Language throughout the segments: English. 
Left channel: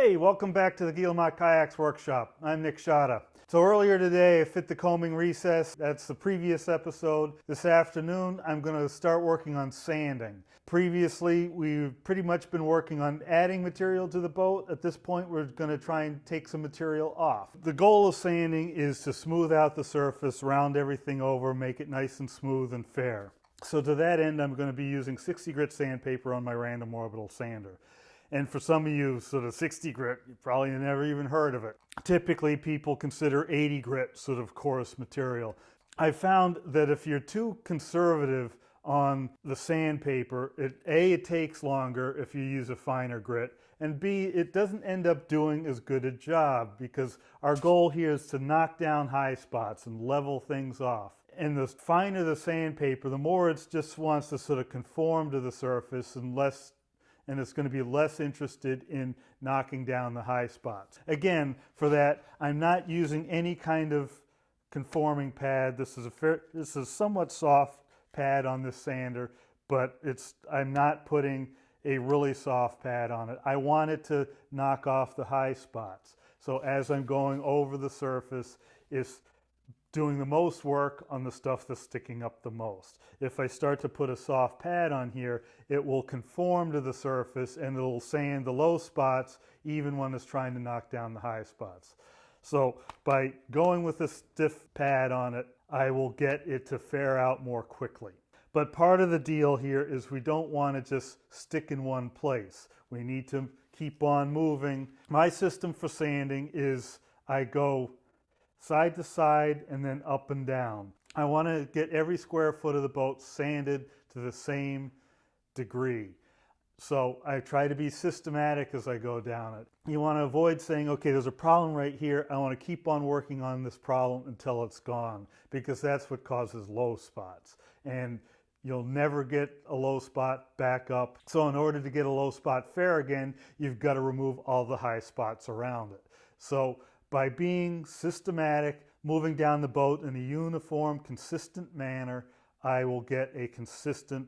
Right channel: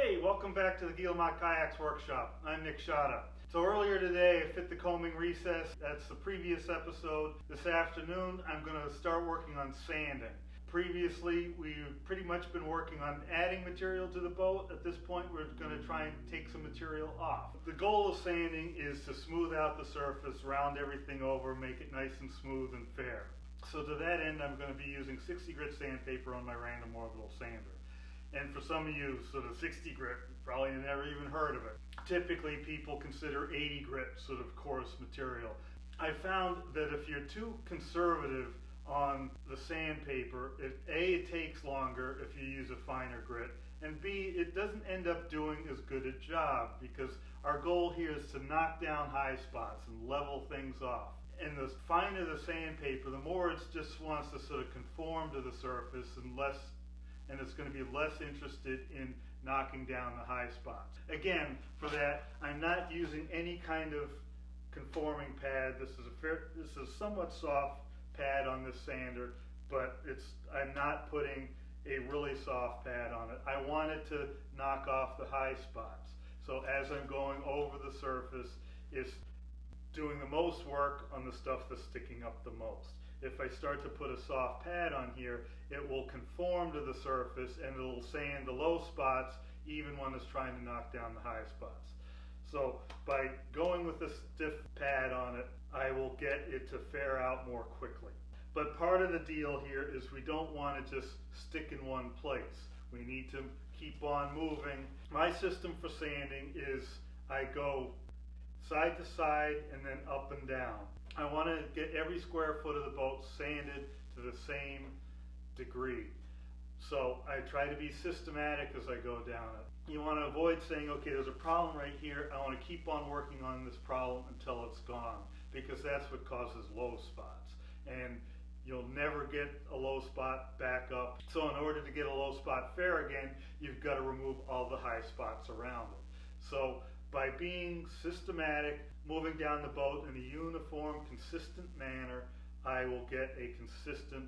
Hey, welcome back to the Guillemot Kayaks Workshop. I'm Nick Schade. So earlier today I fit the combing recess. That's the previous episode. This afternoon I'm going to start working on sanding. Previously we've pretty much been working on adding material to the boat. At this point we're going to try and take some material off. The goal of sanding is to smooth out the surface, round everything over, make it nice and smooth and fair. So to that end I'm going to be using 60 grit sandpaper on my random orbital sander. And for some of you, sort of 60 grit, you probably never even heard of it. Typically people consider 80 grit sort of coarse material. I found that if you're too conservative on the sandpaper, it takes longer if you use a finer grit, and B, it doesn't end up doing as good a job, because our goal here is to knock down high spots and level things off. And the finer the sandpaper, the more it just wants to sort of conform to the surface and it's going to be less interested in knocking down the high spots. Again, for that, I'm not using any kind of conforming pad. This is a somewhat soft pad on this sander, but I'm not putting a really soft pad on it. I want it to knock off the high spots. So as I'm going over the surface, it's doing the most work on the stuff that's sticking up the most. If I start to put a soft pad on here, it will conform to the surface and it'll sand the low spots even when it's trying to knock down the high spots. So by going with a stiff pad on it, I will get it to fare out more quickly. But part of the deal here is we don't want to just stick in one place. We need to keep on moving. My system for sanding is I go side to side and then up and down. I want to get every square foot of the boat sanded to the same degree. So I try to be systematic as I go down it. You want to avoid saying, okay, there's a problem right here. I want to keep on working on this problem until it's gone, because that's what causes low spots. And you'll never get a low spot back up. So in order to get a low spot fair again, you've got to remove all the high spots around it. So by being systematic, moving down the boat in a uniform, consistent manner, I will get a consistent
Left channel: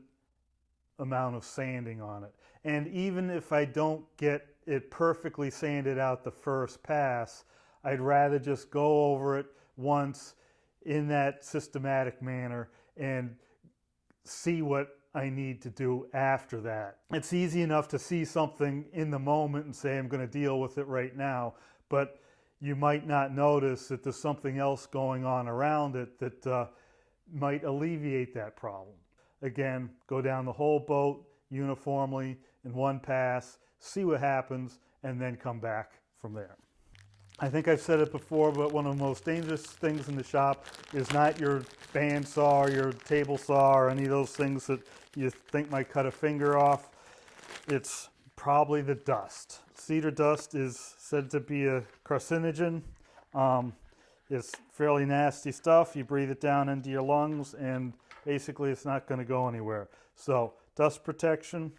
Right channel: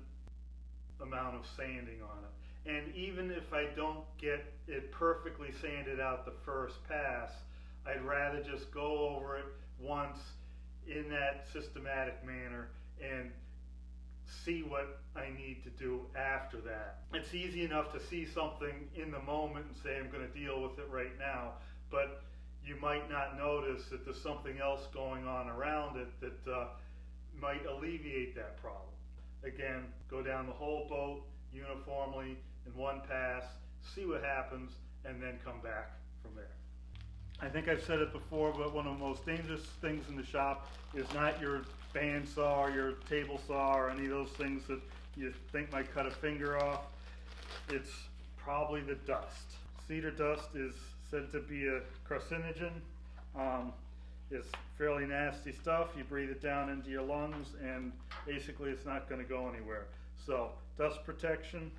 amount of sanding on it. And even if I don't get it perfectly sanded out the first pass, I'd rather just go over it once in that systematic manner and see what I need to do after that. It's easy enough to see something in the moment and say I'm going to deal with it right now, but you might not notice that there's something else going on around it that might alleviate that problem. Again, go down the whole boat uniformly in one pass, see what happens, and then come back from there. I think I've said it before, but one of the most dangerous things in the shop is not your bandsaw or your table saw or any of those things that you think might cut a finger off. It's probably the dust. Cedar dust is said to be a carcinogen. It's fairly nasty stuff. You breathe it down into your lungs and basically it's not going to go anywhere. So dust protection,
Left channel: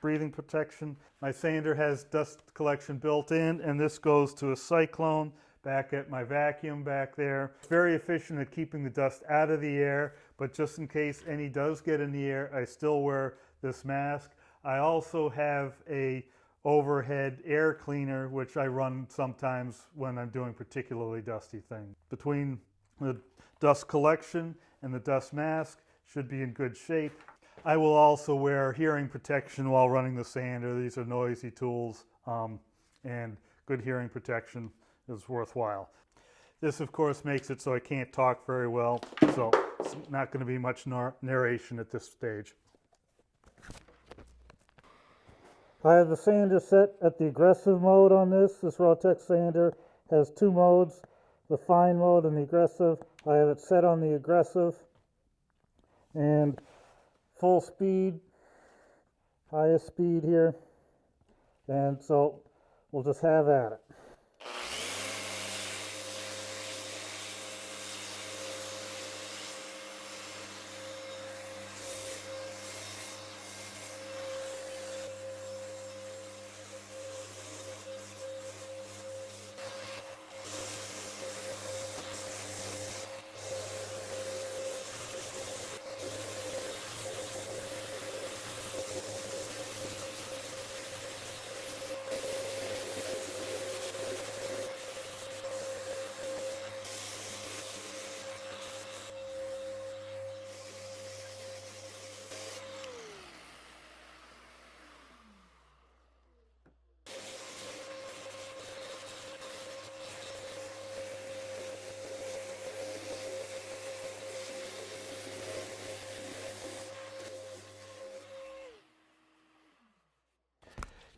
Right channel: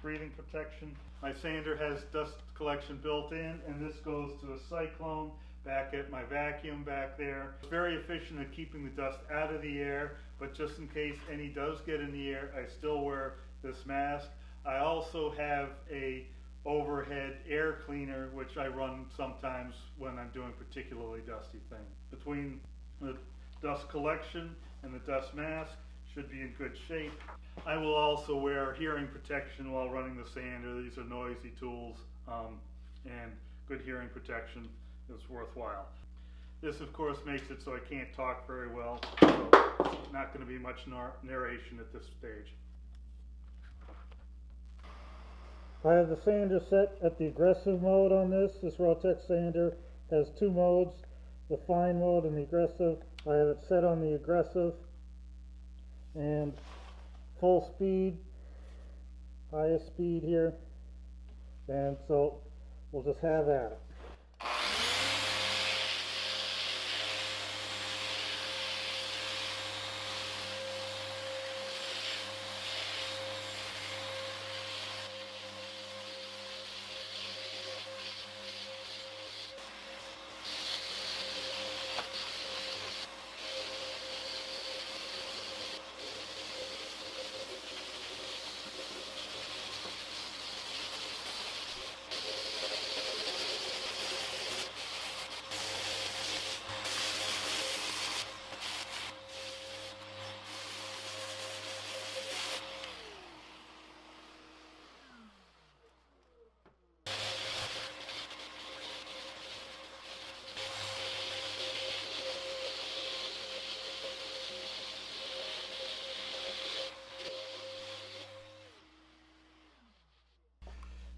breathing protection. My sander has dust collection built in, and this goes to a cyclone back at my vacuum back there. It's very efficient at keeping the dust out of the air, but just in case any does get in the air, I still wear this mask. I also have a overhead air cleaner, which I run sometimes when I'm doing particularly dusty things. Between the dust collection and the dust mask, should be in good shape. I will also wear hearing protection while running the sander. These are noisy tools, and good hearing protection is worthwhile. This of course makes it so I can't talk very well, so it's not going to be much narration at this stage. I have the sander set at the aggressive mode on this. This Rotex sander has two modes, the fine mode and the aggressive. I have it set on the aggressive and full speed, highest speed here, and so we'll just have at it.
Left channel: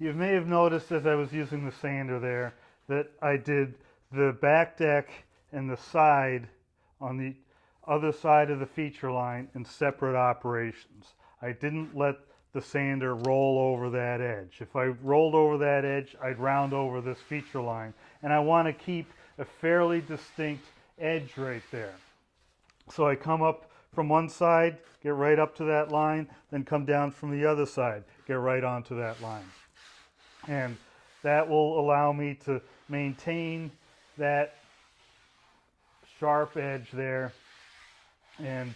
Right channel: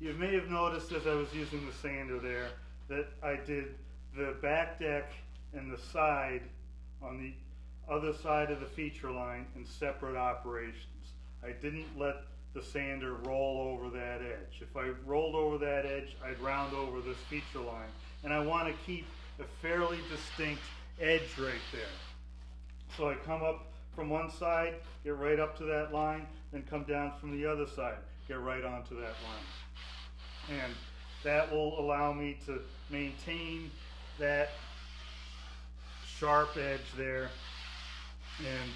You may have noticed as I was using the sander there that I did the back deck and the side on the other side of the feature line in separate operations. I didn't let the sander roll over that edge. If I rolled over that edge, I'd round over this feature line, and I want to keep a fairly distinct edge right there. So I come up from one side, get right up to that line, then come down from the other side, get right onto that line. And that will allow me to maintain that sharp edge there, and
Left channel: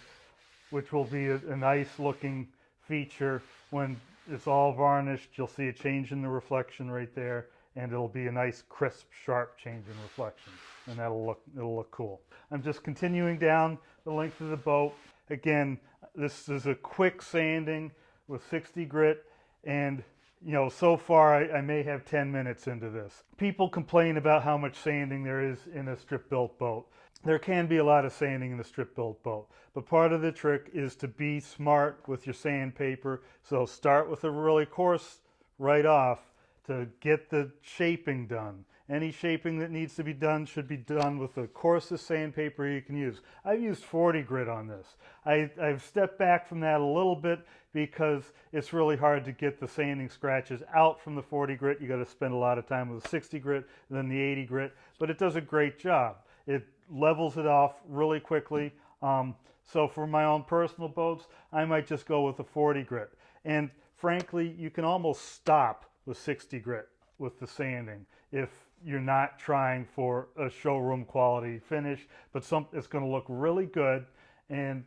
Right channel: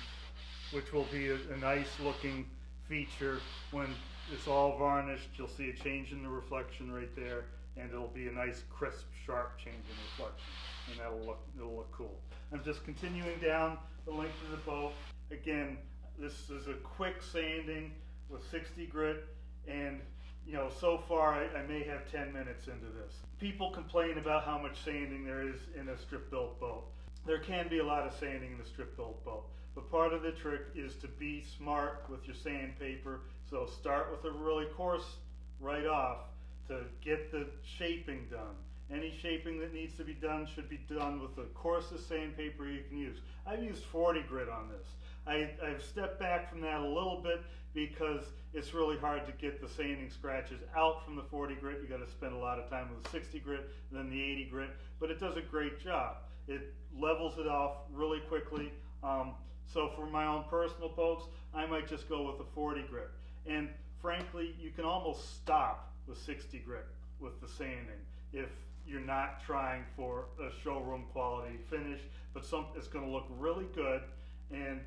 which will be a nice looking feature. When it's all varnished, you'll see a change in the reflection right there, and it'll be a nice crisp sharp change in reflection, and it'll look cool. I'm just continuing down the length of the boat. Again, this is a quick sanding with 60 grit, and you know, so far I may have 10 minutes into this. People complain about how much sanding there is in a strip built boat. There can be a lot of sanding in a strip built boat, but part of the trick is to be smart with your sandpaper. So start with a really coarse right off to get the shaping done. Any shaping that needs to be done should be done with the coarsest sandpaper you can use. I've used 40 grit on this. I've stepped back from that a little bit because it's really hard to get the sanding scratches out from the 40 grit. You got to spend a lot of time with the 60 grit and then the 80 grit, but it does a great job. It levels it off really quickly. So for my own personal boats, I might just go with the 40 grit. And frankly, you can almost stop with 60 grit with the sanding if you're not trying for a showroom quality finish, but it's going to look really good, and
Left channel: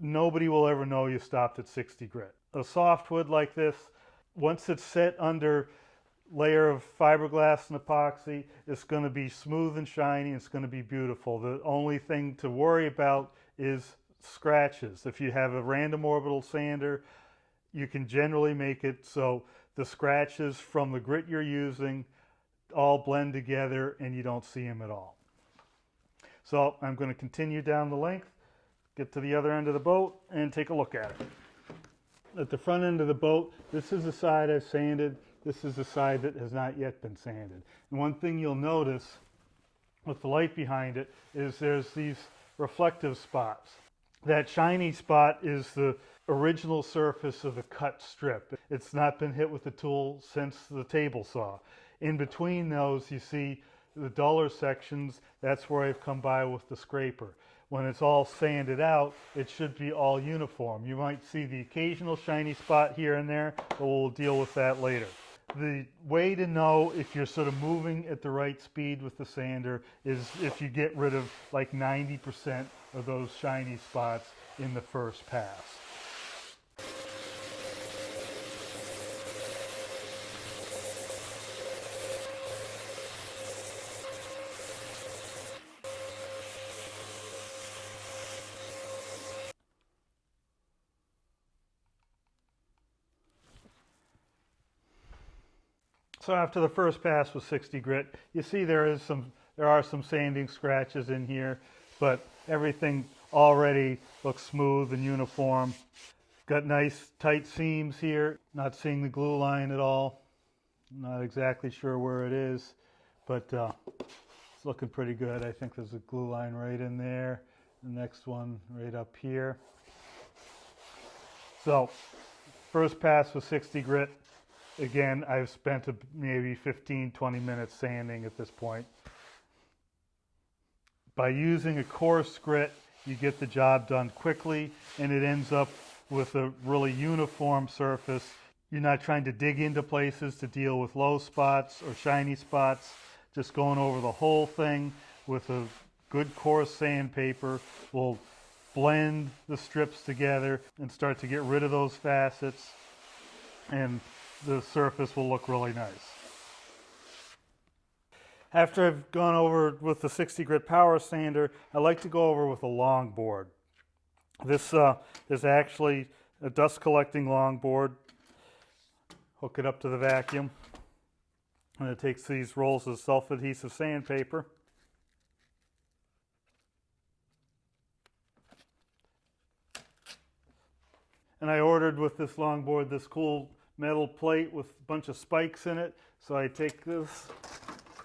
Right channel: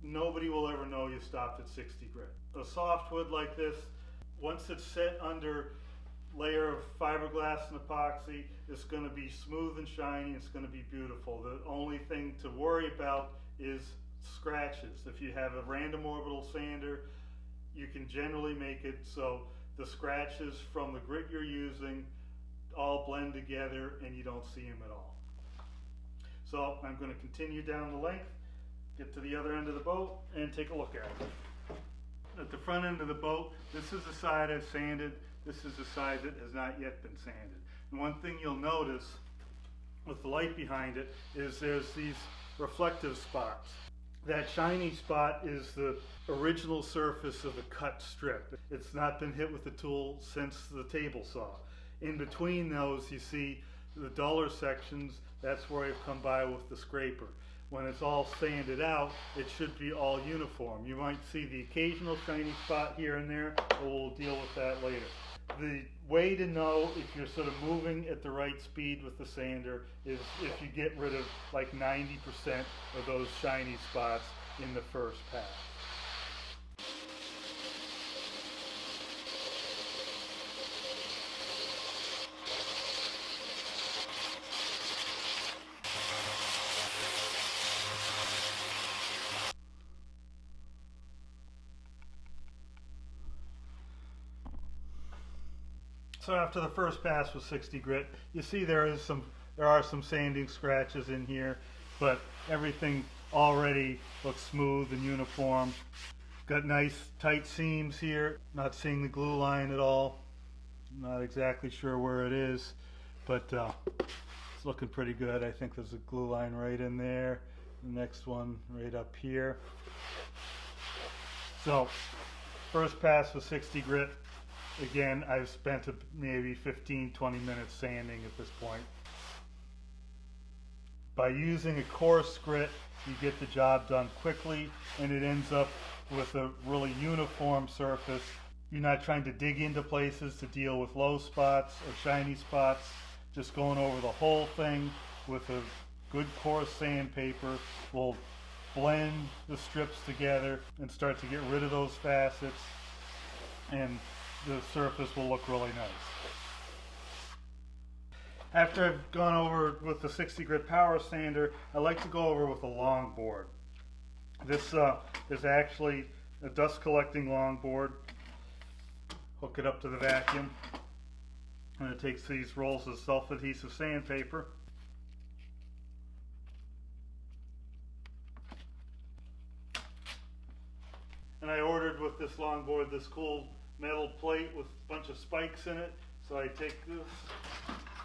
nobody will ever know you stopped at 60 grit. A softwood like this, once it's set under layer of fiberglass and epoxy, it's going to be smooth and shiny. It's going to be beautiful. The only thing to worry about is scratches. If you have a random orbital sander, you can generally make it so the scratches from the grit you're using all blend together and you don't see them at all. So I'm going to continue down the length, get to the other end of the boat, and take a look at it. At the front end of the boat, this is the side I've sanded. This is the side that has not yet been sanded. And one thing you'll notice with the light behind it is there's these reflective spots. That shiny spot is the original surface of the cut strip. It's not been hit with the tool since the table saw. In between those, you see the duller sections. That's where I've come by with the scraper. When it's all sanded out, it should be all uniform. You might see the occasional shiny spot here and there, but we'll deal with that later. The way to know if you're sort of moving at the right speed with the sander is if you get rid of like 90% of those shiny spots in the first pass. So after the first pass with 60 grit, you see there are some sanding scratches in here, but everything already looks smooth and uniform. Got nice tight seams here. Not seeing the glue line at all. Not exactly sure where it is, but it's looking pretty good. I think there's a glue line right in there. The next one right up here. So first pass with 60 grit. Again, I've spent maybe 15-20 minutes sanding at this point. By using a coarse grit, you get the job done quickly, and it ends up with a really uniform surface. You're not trying to dig into places to deal with low spots or shiny spots. Just going over the whole thing with a good coarse sandpaper will blend the strips together and start to get rid of those facets, and the surface will look really nice. After I've gone over with the 60 grit power sander, I like to go over with a longboard. This is actually a dust collecting longboard. Hook it up to the vacuum, and it takes these rolls of self-adhesive sandpaper. And I ordered with this longboard this cool metal plate with a bunch of spikes in it. So I take this,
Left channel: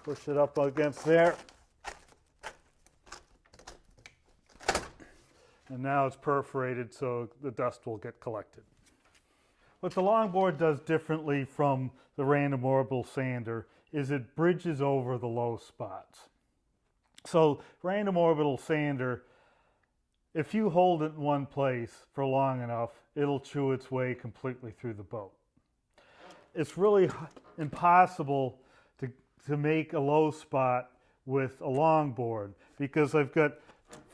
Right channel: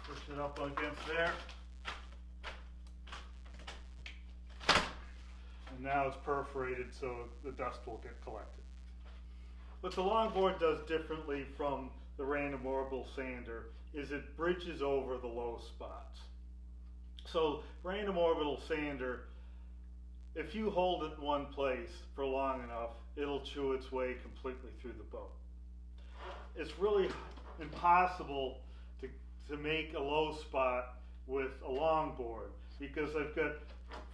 push it up against there, and now it's perforated so the dust will get collected. What the longboard does differently from the random orbital sander is it bridges over the low spots. So random orbital sander, if you hold it in one place for long enough, it'll chew its way completely through the boat. It's really impossible to make a low spot with a longboard because I've got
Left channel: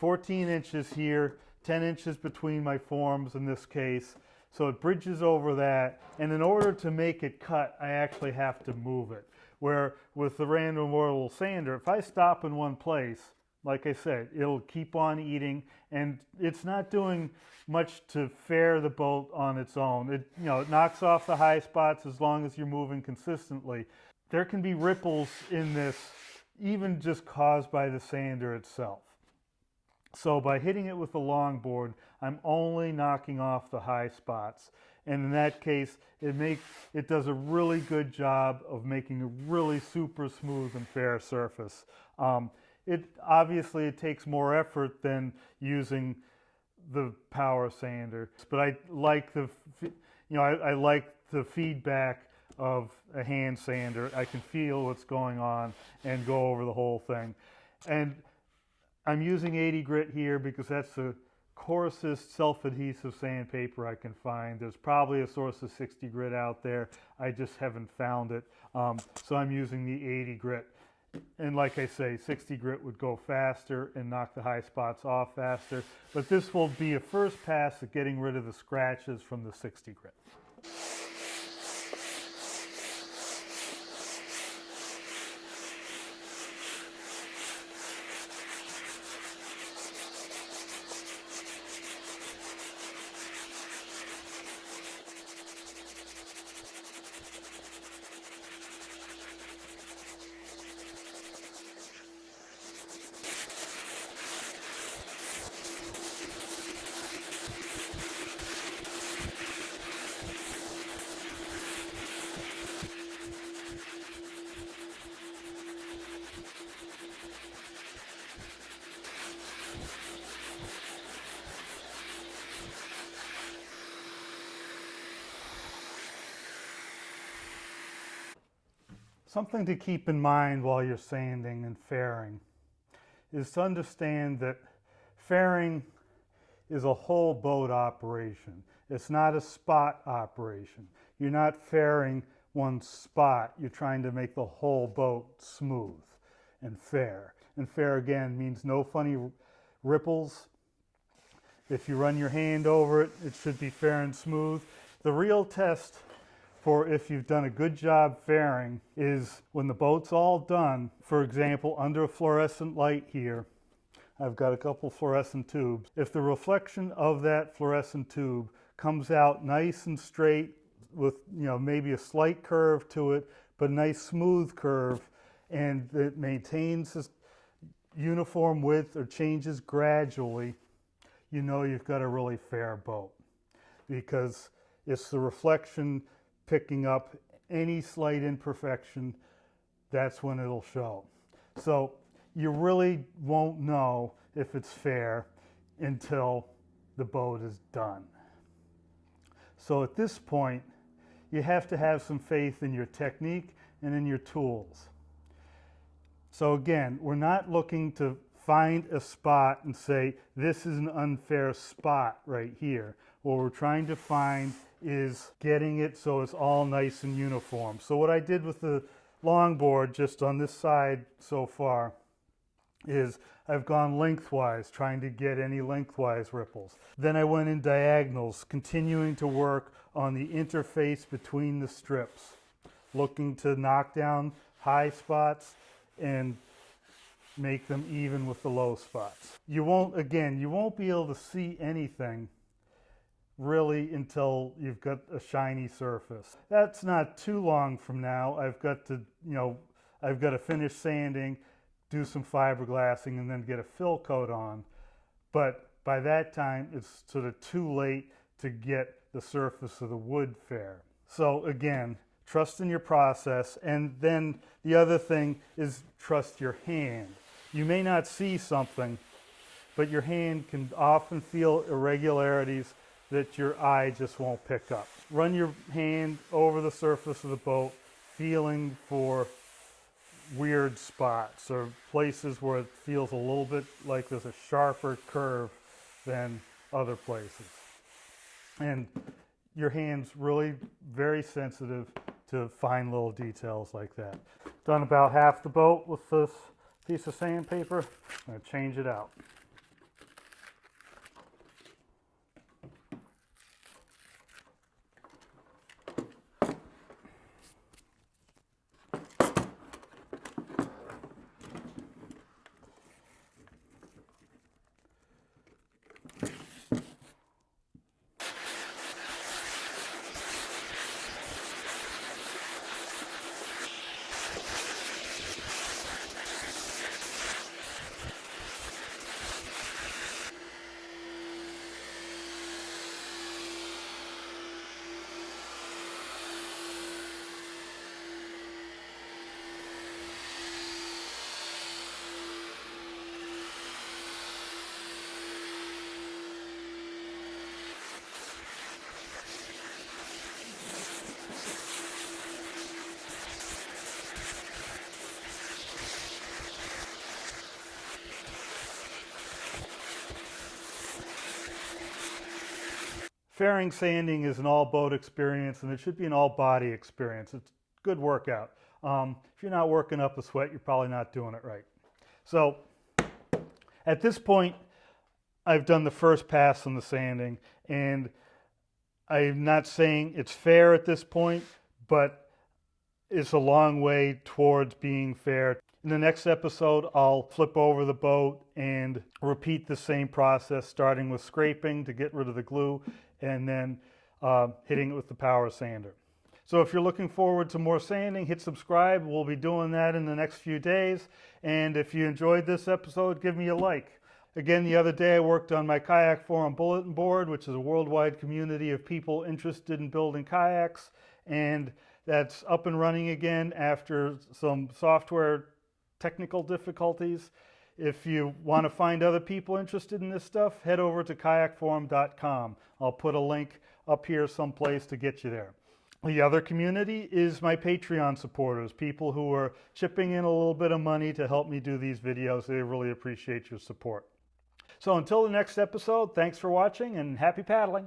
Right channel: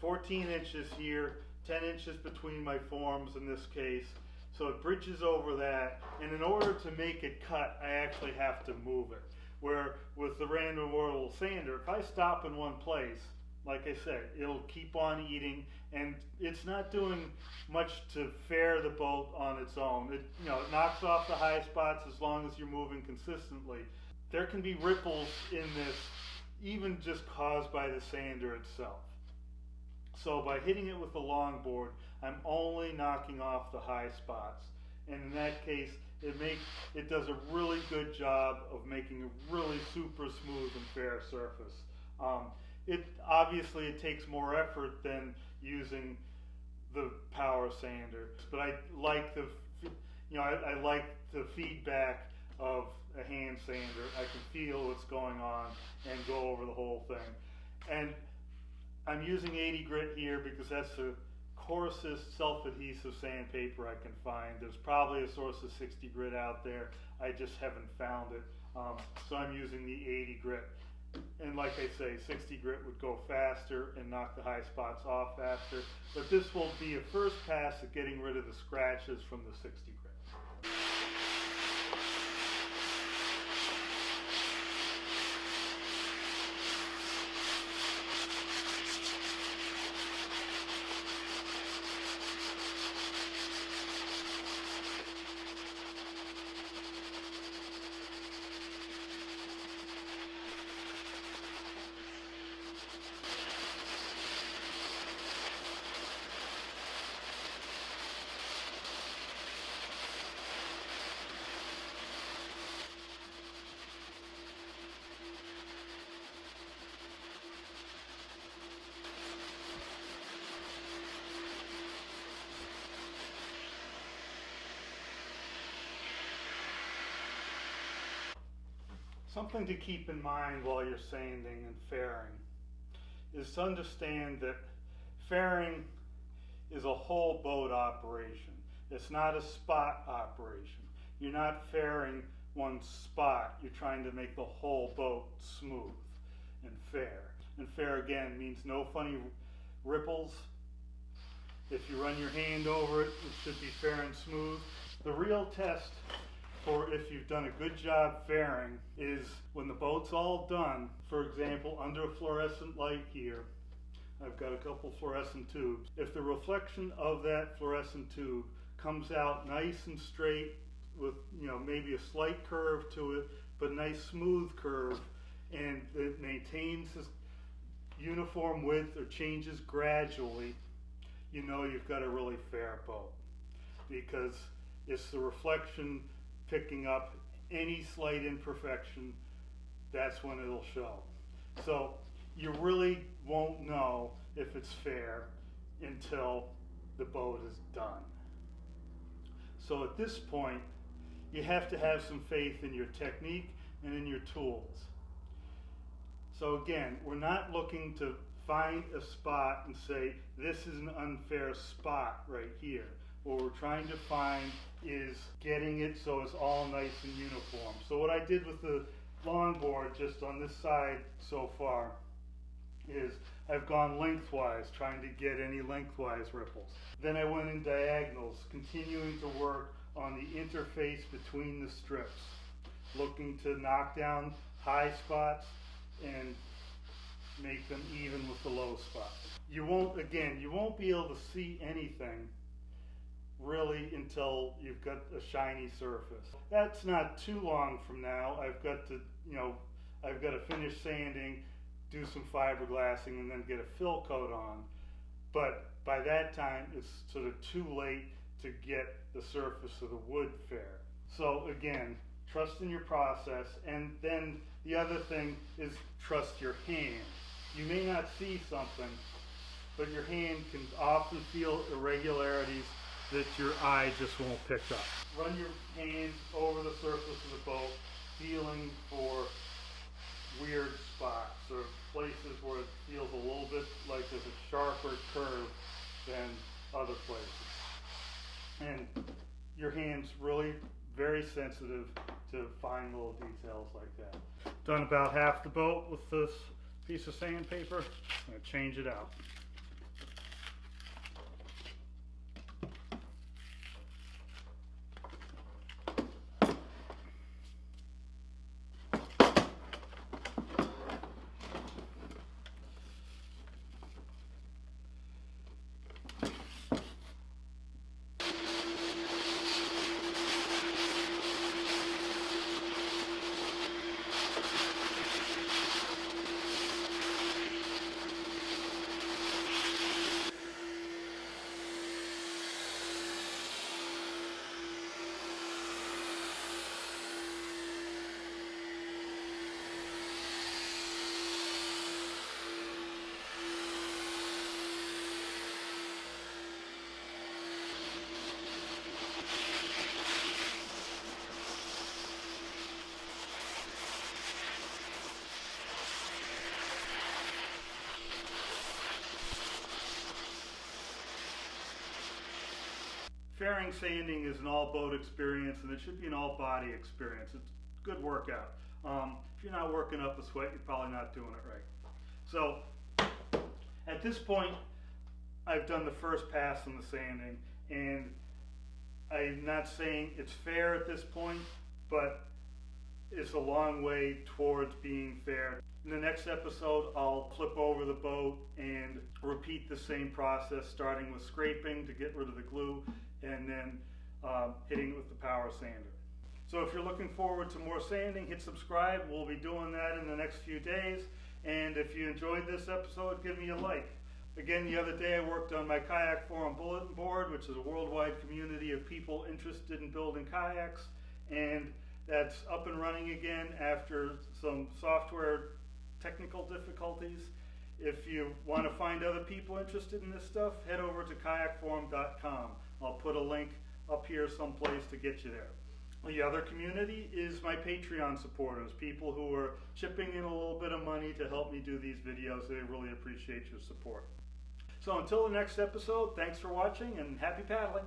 14 inches here, 10 inches between my forms in this case, so it bridges over that, and in order to make it cut, I actually have to move it. Where with the random orbital sander, if I stop in one place, like I said, it'll keep on eating, and it's not doing much to fare the boat on its own. It knocks off the high spots as long as you're moving consistently. There can be ripples in this, even just caused by the sander itself. So by hitting it with the longboard, I'm only knocking off the high spots. And in that case, it does a really good job of making a really super smooth and fair surface. It takes more effort than using the power sander, but I like I like the feedback of a hand sander. I can feel what's going on and go over the whole thing. And I'm using 80 grit here because that's the coarsest self-adhesive sandpaper I can find. There's probably a source of 60 grit out there. I just haven't found it. So I'm using the 80 grit. And like I say, 60 grit would go faster and knock the high spots off faster. But this will be a first pass at getting rid of the scratches from the 60 grit. Something to keep in mind while you're sanding and fairing is to understand that fairing is a whole boat operation. It's not a spot operation. You're not fairing one spot. You're trying to make the whole boat smooth and fair. And fair again means no funny ripples. If you run your hand over it, it should be fair and smooth. The real test for if you've done a good job fairing is when the boat's all done. For example, under a fluorescent light here, I've got a couple fluorescent tubes. If the reflection of that fluorescent tube comes out nice and straight with maybe a slight curve to it, but a nice smooth curve, and it maintains this uniform width or changes gradually, you've got a really fair boat, because it's the reflection picking up any slight imperfection. That's when it'll show. So you really won't know if it's fair until the boat is done. So at this point, you have to have some faith in your technique and in your tools. So again, we're not looking to find a spot and say, this is an unfair spot right here. What we're trying to find is getting it so it's all nice and uniform. So what I did with the longboard just on this side so far is I've gone lengthwise, trying to get any lengthwise ripples. Then I went in diagonals, continuing to work on the interface between the strips, looking to knock down high spots and make them even with the low spots. You won't be able to see anything really until you've got a shiny surface. That's not too long from now. I've got to finish sanding, do some fiberglassing, and then get a fill coat on. But by that time, it's sort of too late to get the surface of the wood fair. So again, trust in your process, and then the other thing is trust your hand. You may not see something, but your hand can often feel irregularities that your eye just won't pick up. Run your hand over the surface of the boat, feeling for weird spots or places where it feels a little bit like there's a sharper curve than other places. And your hand's really very sensitive to fine little details like that. Done about half the boat with this piece of sandpaper. I'm going to change it out. Fairing sanding is an all boat experience, and it should be an all body experience. It's a good workout. If you're not working up a sweat, you're probably not doing it right. So at this point, I've done the first pass on the sanding, and I'm not saying it's fair at this point, but it's a long way towards being fair. In the next episode, I'll flip over the boat and repeat the same process, starting with scraping to get rid of the glue, and then hitting it with the power sander. So if you're looking forward to more sanding, hit subscribe. We'll be doing that in the next few days. And if you enjoyed this episode, give me a like. Again, the other day I worked on my Kayak Forum bulletin board, which is a worldwide community of people interested in building kayaks. And that's up and running again after some software technical difficulties. If you want to find other people interested in this stuff, head over to kayakforum.com. I'll put a link up here someplace to get you there. The other community is my Patreon supporters, people who are chipping in a little bit of money to help me do these videos. They really appreciate your support. So until the next episode, thanks for watching and happy paddling.